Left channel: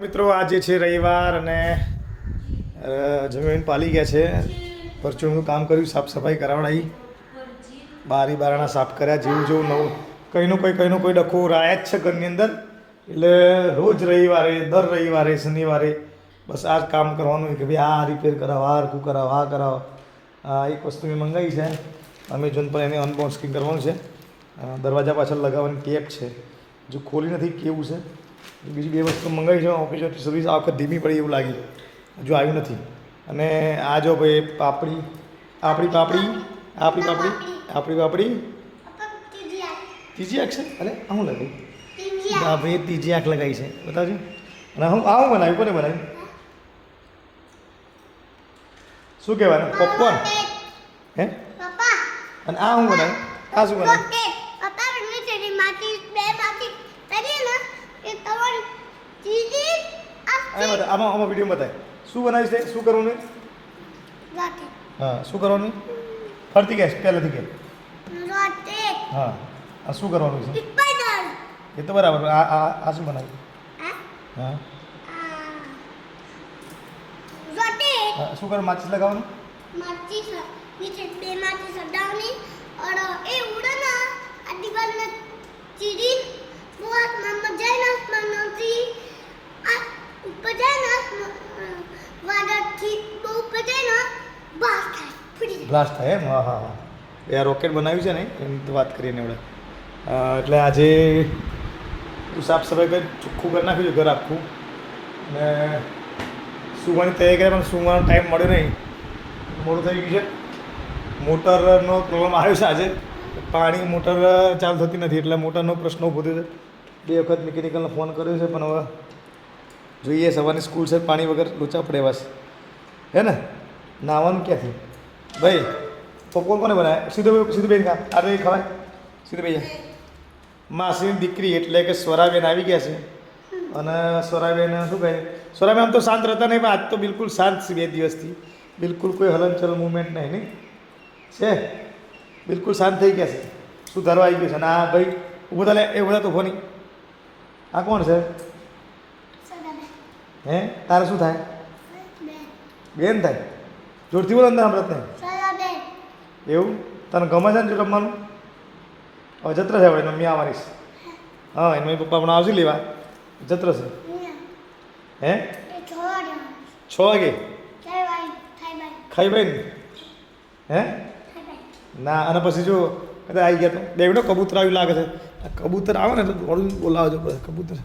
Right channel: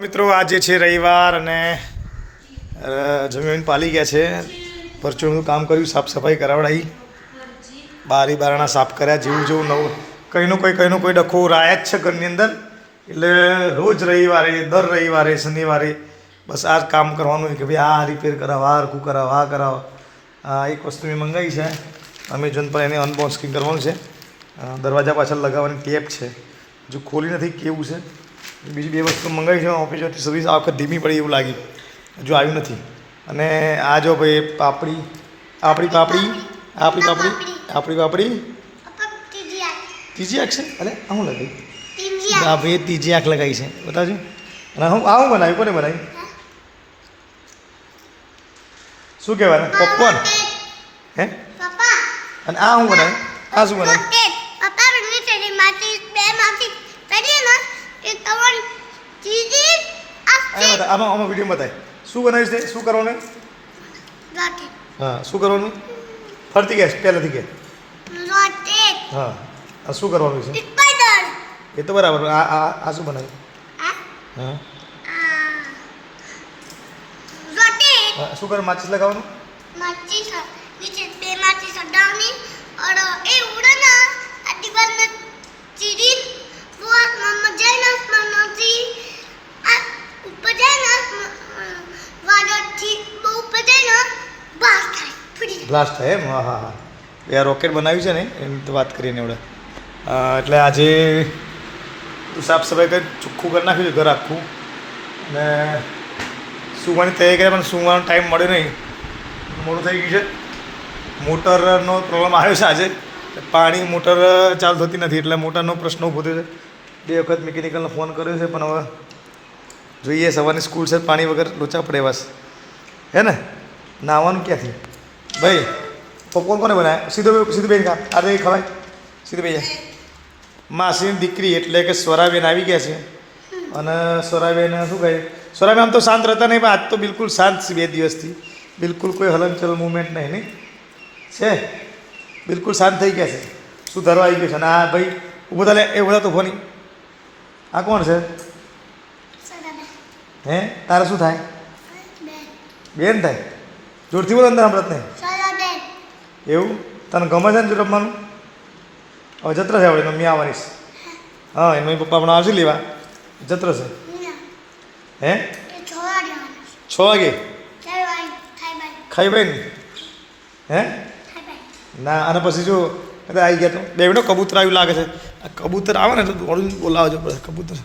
મિત્રો આજે છે રવિવાર અને જમીન પાલી ગયા છે. પરચુનું કામ કર્યું, સાફ સફાઈ કરાવડાવી, બારી બારણા સાફ કર્યા, જેવું જેવું નવું કંઈનું કોઈ ડખો રાયા જ છે ઘરની અંદર. એટલે રોજ રવિવારે, દર રવિવારે, શનિવારે બસ આ જ કામ કરવાનું કે ભાઈ આ રિપેર કરાવો, આ હરખું કરાવો, આ કરાવો. એક વસ્તુ મેં મંગાવી છે અમેઝોન પર, એને અનબોક્સિંગ કરવાનું છે. દરવાજા પાછળ લગાવવાની ટેપ છે, જો ખોલી નથી કેવું છે. બીજી બે વસ્તુ મંગાવી છે ઓફિસમાંથી. સર્વિસ આ વખત ધીમી પડી એવું લાગી, હજુ આવ્યું નથી. અને આ જો ભાઈ પાપડી ત્રીજી આંખ છે. અરે હું લગાવી હા ભાઈ, ત્રીજી આંખ લગાવી છે, બતાવજો. અને હું આવું બનાવ્યું, કોને બનાવ્યું? શું કહેવાય? પોપકોર્ન હે? અને આ હું બનાવ્યું? આ શું બનાવ્યું? આમાં વિડીયો બતાય શું બનાવીશ તે, શું કરવાનું? હા, શું કરવાનું? ફરતી ગયા પહેલાંથી કે હા, આ શું કરવાનું છે એ તો બરાબર. આ શું બનાવ્યું? હા, શું કરે? માચીસ લગાવવાનું? माचिस नीचे बे माचिस हटावनी और ए उड़ना दीवार में चिड़ी बहुत मम्मा जाना मनोती आ ऊपर जाना वाडा બહુ ઉપર જાયના બ્લાસ્ટ થાય, ફૂટી બ્લાસ્ટ થાય એમ? હા હા હા, એ રોકેટ બનાવ્યું છે ને એની તો વાત કરીને એવડે. એટલે આજે સાફ સફાઈ કરી ચોખ્ખું કરી નાખ્યું છે ઘર આખું. અને સુવાની તૈયારી કરી, પણ સુવાનો ટાઈમ મળ્યો નહીં, મોડું થઈ ગયું છે. મોટરનો પ્રોબ્લેમ આવ્યો છે આજે, પાણી મોટર ચાલુ થતી નથી, એટલે મોટરનો પ્રશ્ન ઊભો થયો છે. 2 વખત મિકેનિકલનો ફોન કર્યો છે, પણ હવે જોઈએ. સવારની સ્કૂલ છે, પાણી વગર લોચા પડે બસ, હે ને? નાહવાનું ક્યાંથી ભાઈ? પોપકોર્ન કોને બનાવ્યા? સીધું બેન ખા, આજે ખવાય સીધું બેન. માસીની દીકરી એટલે કે સ્વરાબેન આવી ગયા છે. અને સ્વરાબેન શું કહે? સ્વરાબેન આમ તો શાંત રહેતા નહીં, પણ આજ તો બિલકુલ શાંત છે. 2 દિવસથી બિલકુલ કોઈ હલનચલન મુવમેન્ટ નહીં છે, બિલકુલ શાંત થઈ ગયા છે. શું ધરવા આવી ગયું છે? અને આ ભાઈ ઊભો થાય, એ ઊભા તો ફોની. આ કોણ છે? હે, તારે શું થાય? બેન થાય? જોરથી બોલો, અંદર સાંભળત નહીં. એવું તને ગમે છે ને રમવાનું? હવે જત્ર છે, આપણે મમ્મી આવવાની છે. હા, એનો પપ્પા હમણાં આવશે લેવા, જત્ર છે. હે, 6 વાગે ખાઈ ભાઈ ને? હે ના, અને પછી જો કદાચ આવી ગયા તો બે મિનિટ. કબૂતર આવ્યું લાગે છે. આ કબૂતર આવે ને તો દોડું બોલાવજો પડે. કબૂતર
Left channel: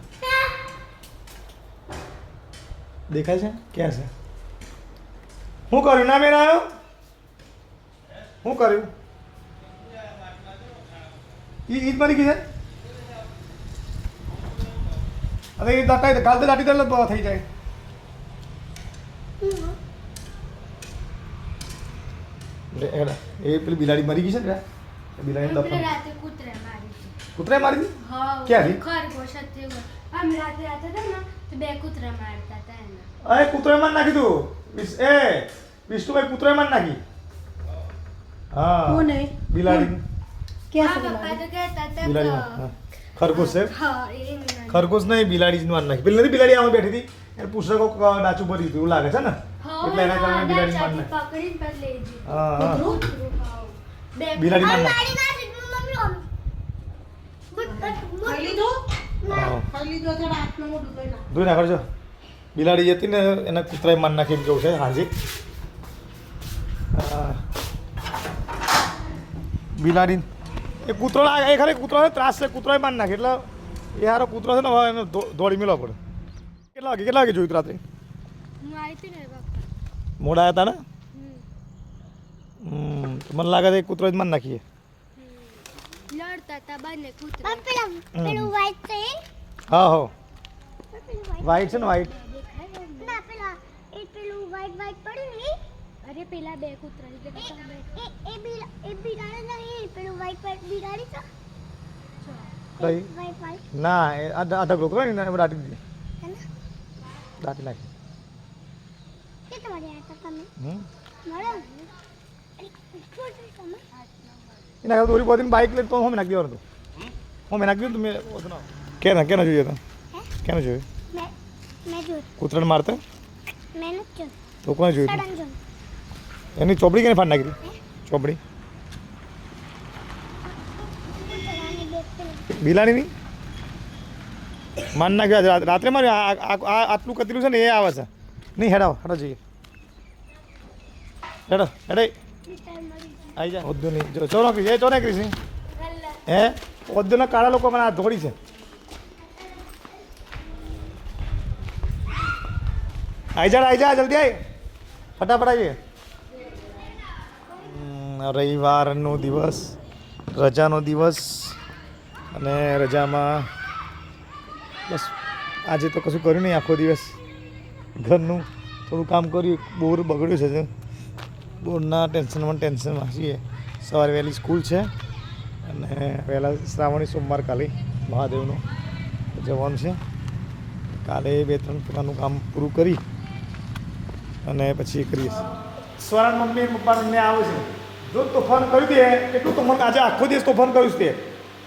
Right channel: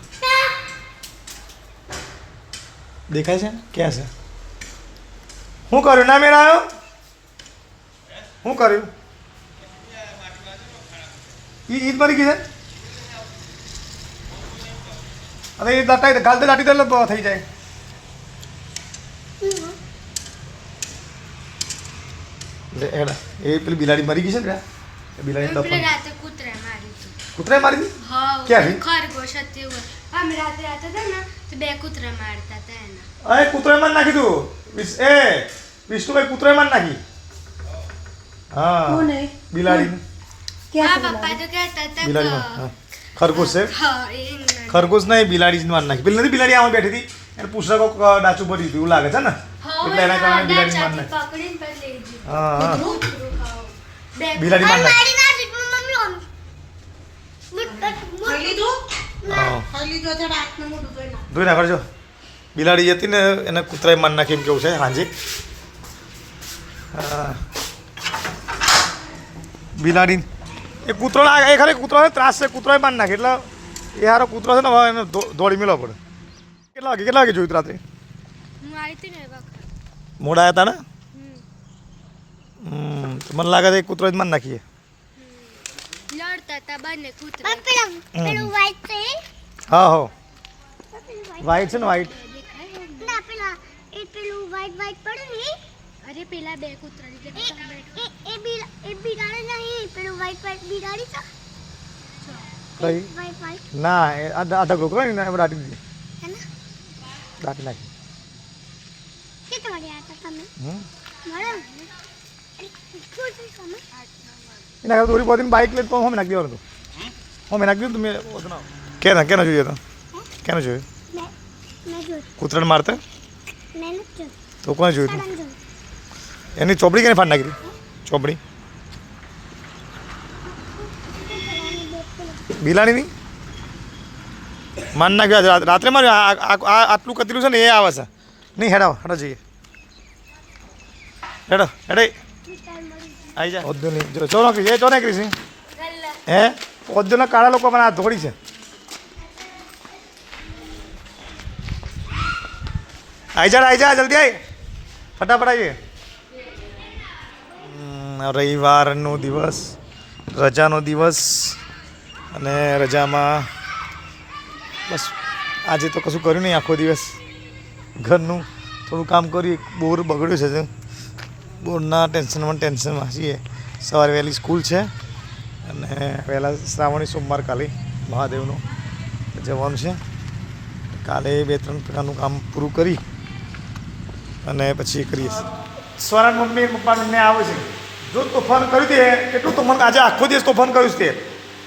દેખાય છે? ક્યાં છે? શું કર્યું? ના મેળ આવ્યો? શું કર્યું? ઈદ મરી ગઈ છે. અને એ દાટી ગાલતે દાટી દે એટલે થઈ જાય. એ પેલી બિલાડી મરી ગઈ છે ને? બિલાડી કૂતરાએ મારી દીધી? ક્યાં? ખરગોશ હતું. અમે રાતે હતા ને તો 2 કૂતરા મારતા હતા એના. અરે કૂતરાએ મારી નાખી તું. એ વિષ્ણુભાઈ કૂતરાએ મારી નાખી. હા, બિલાડી. હા, પપ્પા તો કહેતા હતા બિલાડી ખરગોશ છે. હા, ખરગોશ નહીં, બિલાડી જ મારી નાખી. પેલી નથી બિલાડી આમાં બેઠી હતી, એને પૂછડા કોક ડાચું ભરી દીધું એવું લાગે છે ને, એટલે એના કારણે બિલાડી મારી નાખી. હા હા, બિલાડી મારી નાખી. ધોઈ ના કરજો. બિલાડી હતી ને એને કૂતરાએ મારી નાખી એમ કેવું છે હાજી. બિલાડી એ કૂતરો એ ખરે કૂતરાને ત્રાસ છે, કૂતરાએ મારી નાખી. એટલે એ હારો કૂતરો છે ને, હવે એને દોડી મેળવવો પડે. કેટલા વાગે જોયું રાત્રે? મોડા આવ્યા હતા ને? મને લાગે છે કૂતરો જ મારી નાખીએ. હા હો, વ્હાઈટ છે ને, વ્હાઈટ. અરે પેલા 2 કૂતરા એ બિલાડી નહીં, પેલું વાઈટ બિલાડી છે. ના, આધા કૂતરો ને દાટી દીધી, દાટી નાખી. એના દોરી બોધી બાઇક લઈ તો હમ નાખી દેવાનું હતું. હમ નાખી દીધું તમે? કેના જોઈએ તો? કેને જોયું? મેં જોયું કૂતરાને મારતા મેં નથી જોયું તો કોને જોયું સડન જોયું એની ચોપડી કેને ફાડ નાખી ચોપડી બિલાડીની માન નાખ્યો રાત્રે માર્યું આટલું કતર્યું છે ને એ આવે છે નહીં હેડાવો હેડો જઈએ હેડો હેડે આવી જા ઓદ્દો નહીં જો ચો નાખી એ ચો નાખી છે હે ઓદ્દોના કાળા લોકો મને આ ધોળી છે આવી જા જલ્દી આવી ફટાફટ આવીએ રવિવારનો દિવસ રજાનો દિવસ અને રજામાં બસ આજે તો કશું કર્યું નહીં આખો દિવસ ઘરનું થોડું કામ કર્યું બોર બગડ્યું છે બોરના ટેન્શનમાં છીએ સવારે વહેલી સ્કૂલ છે અને વહેલા શ્રાવણી સોમવાર કાલે મહાદેવનું જવાનું છે કાલે 2-3 પ્રકારનું કામ પૂરું કરી અને પછી કરીએ સ્વરાન મમ્મી પપ્પા બંને આવે છે જો તોફાન કર્યું તે એટલું તોફાન આજે આખો દિવસ તોફાન કર્યું છે તે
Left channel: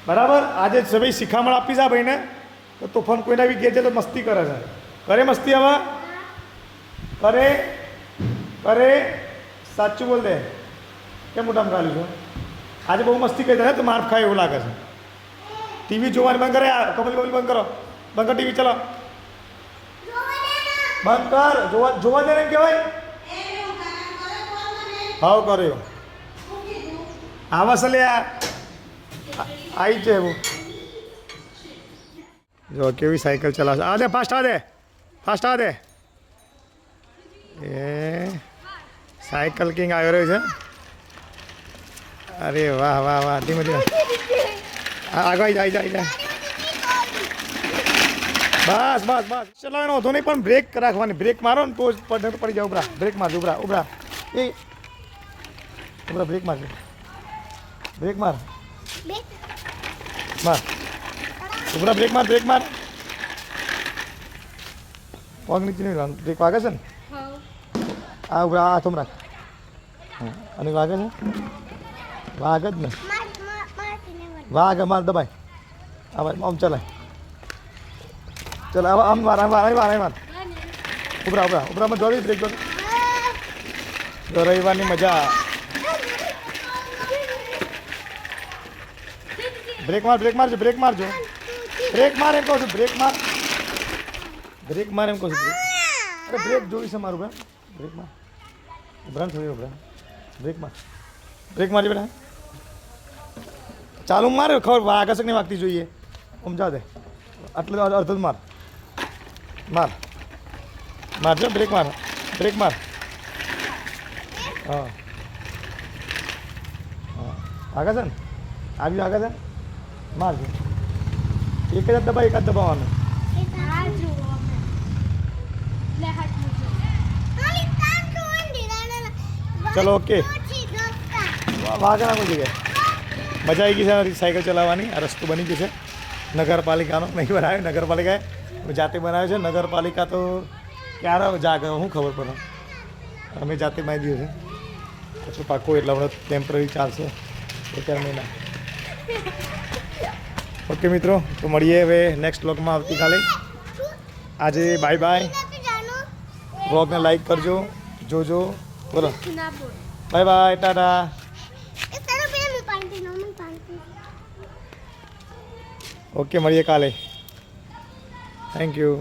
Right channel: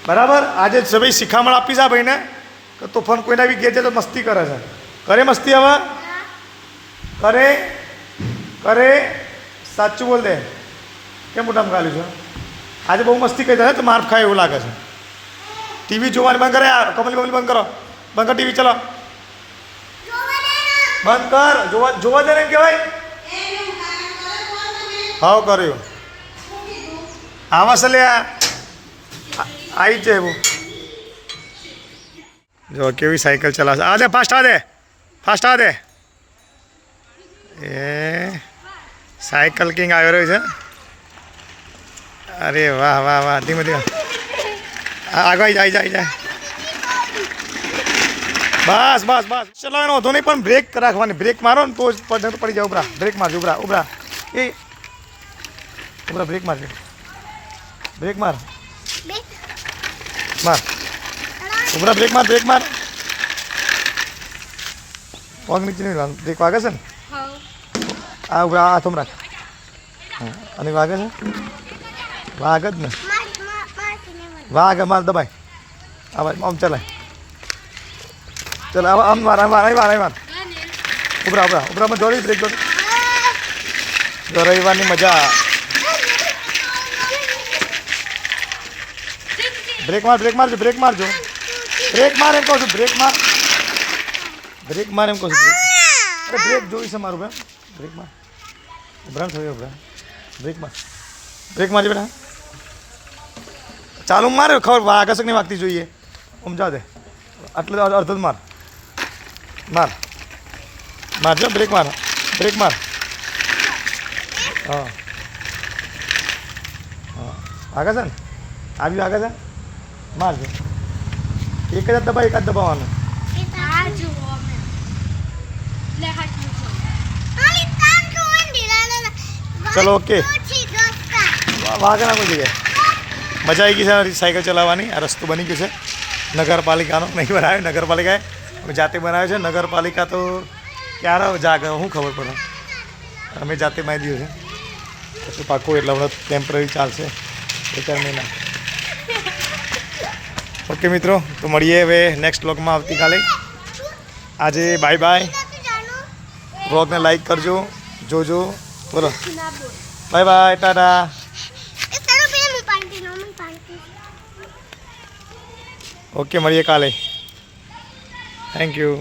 બરાબર આજે સભી શિખામણ આપી છે આ ભાઈને કે તોફાન કોઈના બી ઘેર જાય તો મસ્તી કરે છે કરે મસ્તી હવે કરે સાચું બોલ દે કેમ મોટામાં ગાલ્યું છે આજે બહુ મસ્તી કરી દે તો માર ખાય એવું લાગે છે ટીવી જોવાની બંધ કરે કમલી બંધ કરો બંધ કર ટીવી ચલો બંધ કર જોવા દે ને એમ કહેવાય હાવ કર્યો આવા સલે આવી જ એવું જો કેવી સાયકલ ચલાવશે આ દે ફાસ્ટ આ દે એ સાયકલ કિંગ આવી રહ્યો છે અરે વાહ વાહ વાહ ધીમે આગળ જાય બસ ચલાવવાનો વધુ નહીં પણ બ્રેક રાખવાની બ્રેક મારો ને તો જ પડી જાય ઉભરા બ્રેક મારજો ઉભરા એ ઉભરા બ્રેક માર ઉભરા બ્રેક માર પગ નીચે નહીં બ્રેક વાગે છે ને આ ઉભરા આ થોમ રાખ અને વાગે છે વાગ જ ને વાગ માર દબાય આ ભાઈ આમ ચલાય ચલ આમ માર ઉભરામાં જોડી બ્રેક જોડી જો રવિવારની મજા બ્રેક મારજો બ્રેક માર એમ કહું છું બ્રેક માર એમ કહું છું અરે બ્રેક જોઈ છે મારું બેન બ્રેક માર ઉભરામ થયું બ્રેક મારજો બેટા ચાલુ માર ખબર આકર્ષક નહીં વાગતી જોઈએ સમજા દે આટલે અડધો જ મારજો બ્રેક માર હા આગળ છે ને આવ્યું આગળ છે મારજો એક જ દબાવવાનું ચલો ઓકે વાગે ના કોઈ જગ્યાએ મજા આવી ગઈ છે સાયકલ ચલાવવાની આ રસ્તો બની ગયો છે નગરપાલિકાનો નહીં બનાવ્યો નગરપાલિકાએ જાતે બનાવ્યો છે નગરપાલિકા તો ક્યારે જાગે શું ખબર પડે અમે જાતે મારી દીધું છે પછી પાકું એટલે હમણાં ટેમ્પરરી ચાલશે 2-4 મહિના ઓકે મિત્રો તો મળીએ હવે નેક્સ્ટ વ્લોગમાં આવતીકાલે આજે બાય વ્લોગને લાઈક કરજો જોજો બોલો બાય ટાટા ઓકે મળીએ કાલે થેન્ક યુ